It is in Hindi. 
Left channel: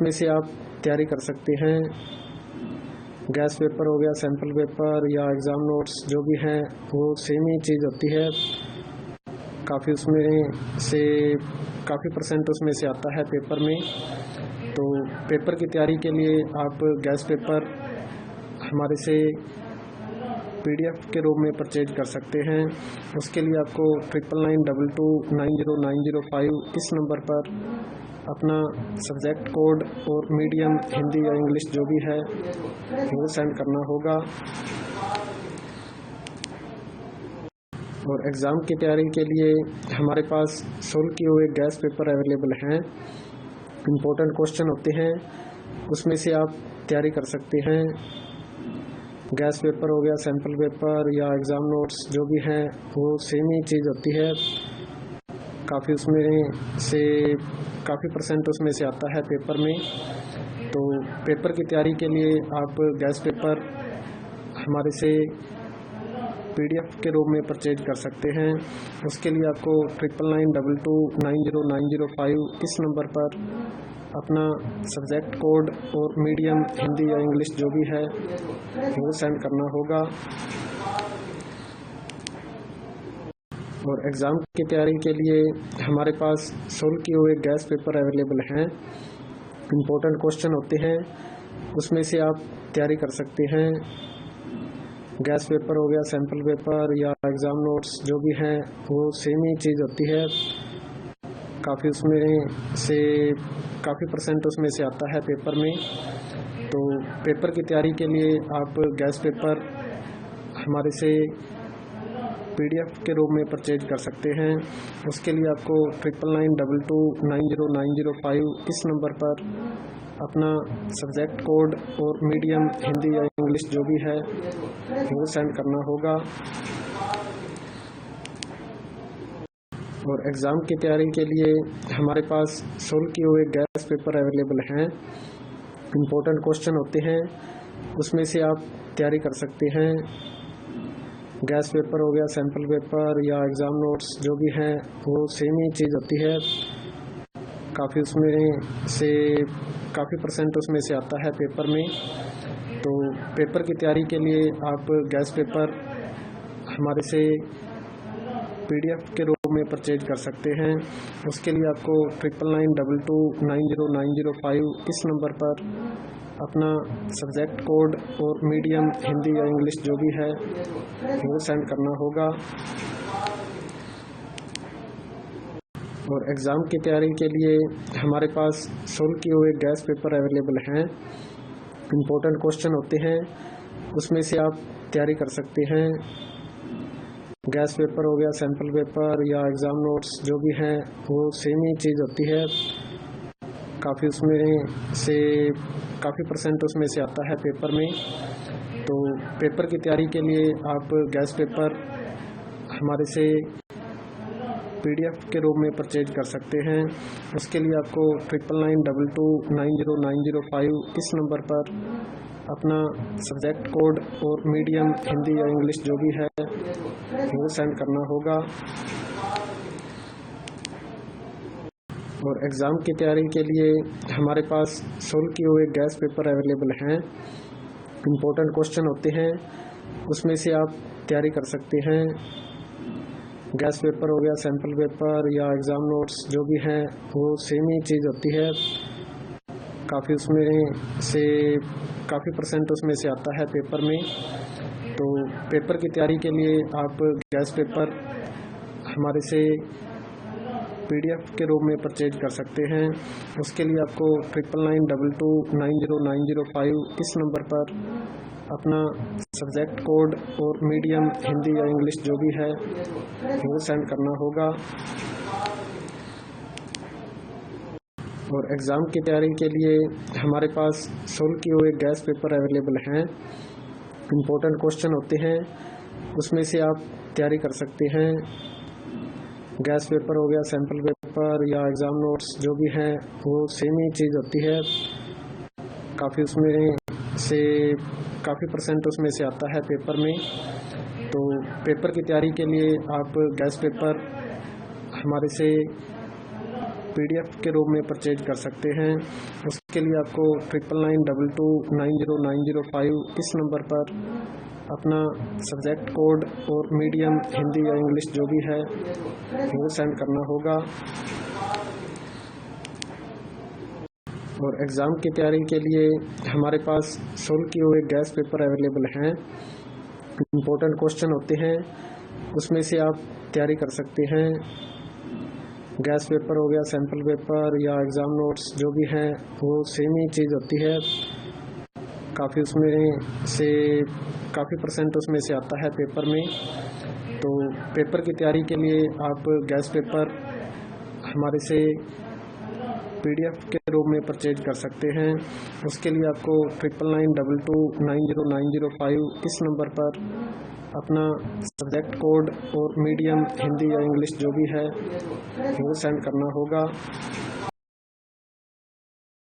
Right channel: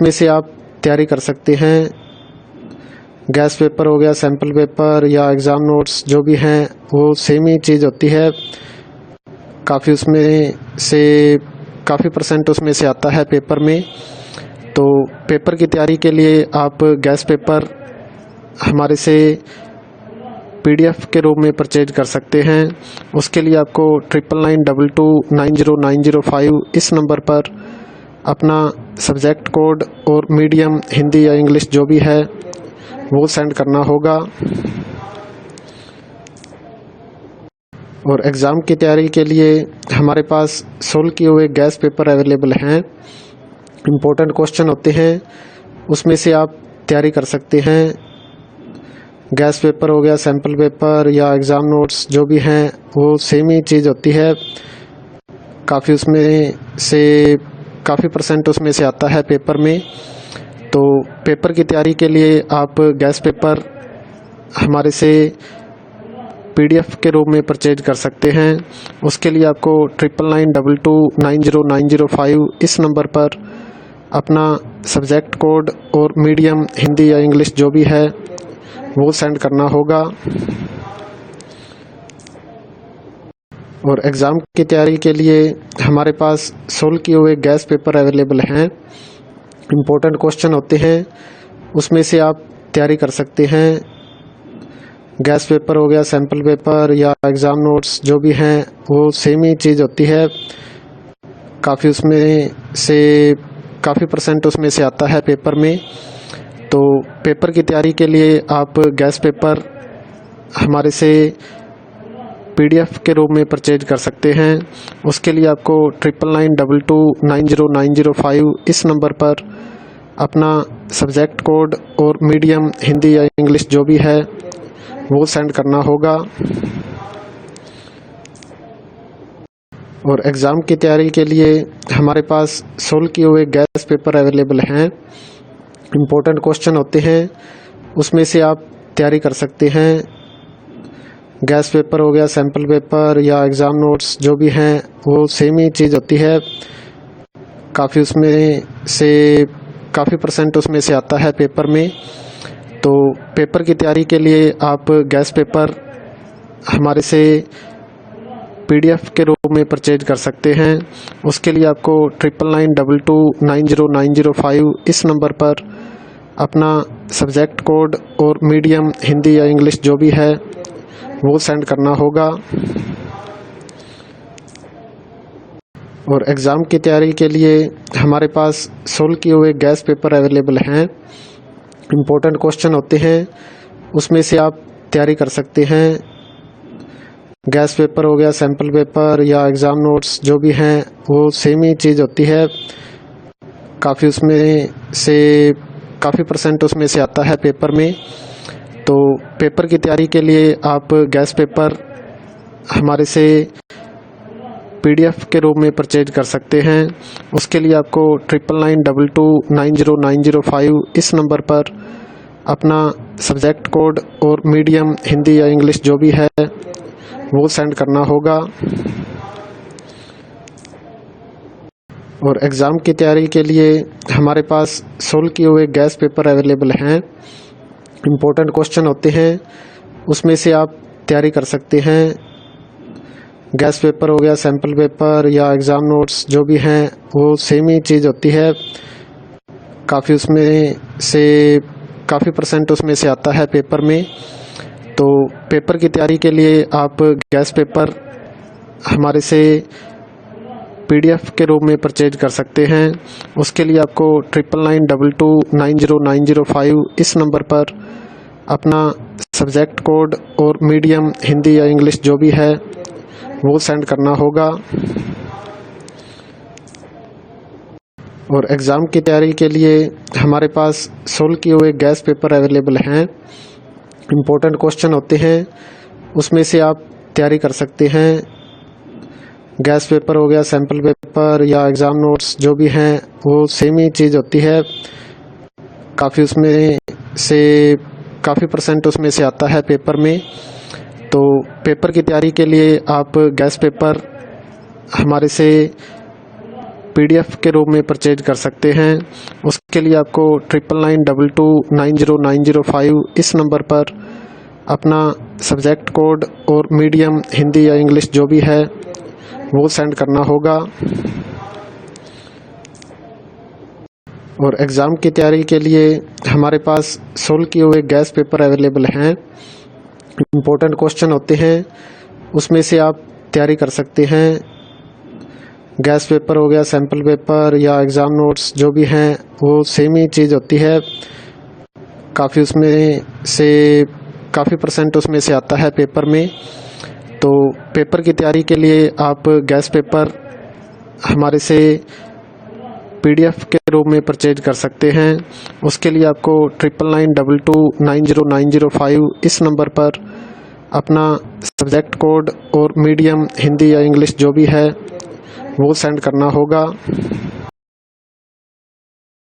में से आप तैयारी कर सकते हैं। गैस पेपर हो गया, सैम्पल पेपर या एग्ज़ाम नोट्स जो भी हैं वो सेम ही चीज़ होती है। काफ़ी उसमें से काफ़ी परसेंट उसमें से आता है पेपर में। तो पेपर की तैयारी के लिए आप गैस पेपर हमारे से पीडीएफ के रूप में परचेज कर सकते हैं। उसके लिए आपको 9992290905 इस नंबर पर अपना सब्जेक्ट कोड और मीडियम हिंदी या इंग्लिश जो भी है वो सेंड करना होगा। और एग्ज़ाम की तैयारी के लिए हमारे पास सोल्व किए हुए गैस पेपर अवेलेबल हैं। इम्पोर्टेंट क्वेश्चन होते हैं, उसमें से आप तैयारी कर सकते हैं। गैस पेपर हो गया, सैम्पल पेपर या एग्ज़ाम नोट्स जो भी हैं वो सेम ही चीज़ होती है। काफ़ी उसमें से काफ़ी परसेंट उसमें से आता है पेपर में। तो पेपर की तैयारी के लिए आप गैस पेपर हमारे से पीडीएफ के रूप में परचेज कर सकते हैं। उसके लिए आपको 9992290905 इस नंबर पर अपना सब्जेक्ट कोड और मीडियम हिंदी या इंग्लिश जो भी है वो सेंड करना होगा। और एग्ज़ाम की तैयारी के लिए हमारे पास सोल्व किए हुए गैस पेपर अवेलेबल हैं। इम्पोर्टेंट क्वेश्चन होते हैं, उसमें से आप तैयारी कर सकते हैं। गैस पेपर हो गया, सैम्पल पेपर या एग्ज़ाम नोट्स जो भी हैं वो सेम ही चीज़ होती है। काफ़ी उसमें से काफ़ी परसेंट उसमें से आता है पेपर में। तो पेपर की तैयारी के लिए आप गैस पेपर हमारे से पीडीएफ के रूप में परचेज कर सकते हैं। उसके लिए आपको 9992290905 इस नंबर पर अपना सब्जेक्ट कोड और मीडियम हिंदी या इंग्लिश जो भी है वो सेंड करना होगा। और एग्ज़ाम की तैयारी के लिए हमारे पास सोल्व किए हुए गैस पेपर अवेलेबल हैं। इम्पोर्टेंट क्वेश्चन होते हैं, उसमें से आप तैयारी कर सकते हैं। गैस पेपर हो गया, सैम्पल पेपर या एग्ज़ाम नोट्स जो भी हैं वो सेम ही चीज़ होती है। काफ़ी उसमें से काफ़ी परसेंट उसमें से आता है पेपर में। तो पेपर की तैयारी के लिए आप गैस पेपर हमारे से पीडीएफ के रूप में परचेज कर सकते हैं। उसके लिए आपको 9992290905 इस नंबर पर अपना सब्जेक्ट कोड और मीडियम हिंदी या इंग्लिश जो भी है वो सेंड करना होगा। और एग्ज़ाम की तैयारी के लिए हमारे पास सोल्व किए हुए गैस पेपर अवेलेबल हैं। इम्पोर्टेंट क्वेश्चन होते हैं, उसमें से आप तैयारी कर सकते हैं। गैस पेपर हो गया, सैम्पल पेपर या एग्ज़ाम नोट्स जो भी हैं वो सेम ही चीज़ होती है। काफ़ी उसमें से काफ़ी परसेंट उसमें से आता है पेपर में। तो पेपर की तैयारी के लिए आप गैस पेपर हमारे से पीडीएफ के रूप में परचेज कर सकते हैं। उसके लिए आपको 9992290905 इस नंबर पर अपना सब्जेक्ट कोड और मीडियम हिंदी या इंग्लिश जो भी है वो सेंड करना होगा। और एग्ज़ाम की तैयारी के लिए हमारे पास सोल्व किए हुए गैस पेपर अवेलेबल हैं। इम्पोर्टेंट क्वेश्चन होते हैं, उसमें से आप तैयारी कर सकते हैं। गैस पेपर हो गया, सैम्पल पेपर या एग्ज़ाम नोट्स जो भी हैं वो सेम ही चीज़ होती है। काफ़ी उसमें से काफ़ी परसेंट उसमें से आता है पेपर में। तो पेपर की तैयारी के लिए आप गैस पेपर हमारे से पीडीएफ के रूप में परचेज कर सकते हैं। उसके लिए आपको 9992290905 इस नंबर पर अपना सब्जेक्ट कोड और मीडियम हिंदी या इंग्लिश जो भी है वो सेंड करना होगा। और एग्ज़ाम की तैयारी के लिए हमारे पास सोल्व किए हुए गैस पेपर अवेलेबल हैं। इम्पोर्टेंट क्वेश्चन होते हैं, उसमें से आप तैयारी कर सकते हैं। गैस पेपर हो गया, सैम्पल पेपर या एग्ज़ाम नोट्स जो भी हैं वो सेम ही चीज़ होती है। काफ़ी उसमें से काफ़ी परसेंट उसमें से आता है पेपर में। तो पेपर की तैयारी के लिए आप गैस पेपर हमारे से PDF के रूप में परचेज कर सकते हैं। उसके लिए आपको 9992290905 इस नंबर पर अपना सब्जेक्ट कोड और मीडियम हिंदी या इंग्लिश जो भी है वो सेंड करना होगा। और एग्ज़ाम की तैयारी के लिए हमारे पास सोल्व किए हुए गैस पेपर अवेलेबल हैं। इम्पोर्टेंट क्वेश्चन होते हैं, उसमें से आप तैयारी कर सकते हैं। गैस पेपर हो गया, सैम्पल पेपर या एग्ज़ाम नोट्स जो भी हैं वो सेम ही चीज़ होती है। काफ़ी उसमें से काफ़ी % उसमें से आता है पेपर में। तो पेपर की तैयारी के लिए आप गैस पेपर हमारे से PDF के रूप में परचेज कर सकते हैं। उसके लिए आपको 9992290905 इस नंबर पर अपना सब्जेक्ट कोड और मीडियम हिंदी या इंग्लिश जो भी है वो सेंड करना होगा।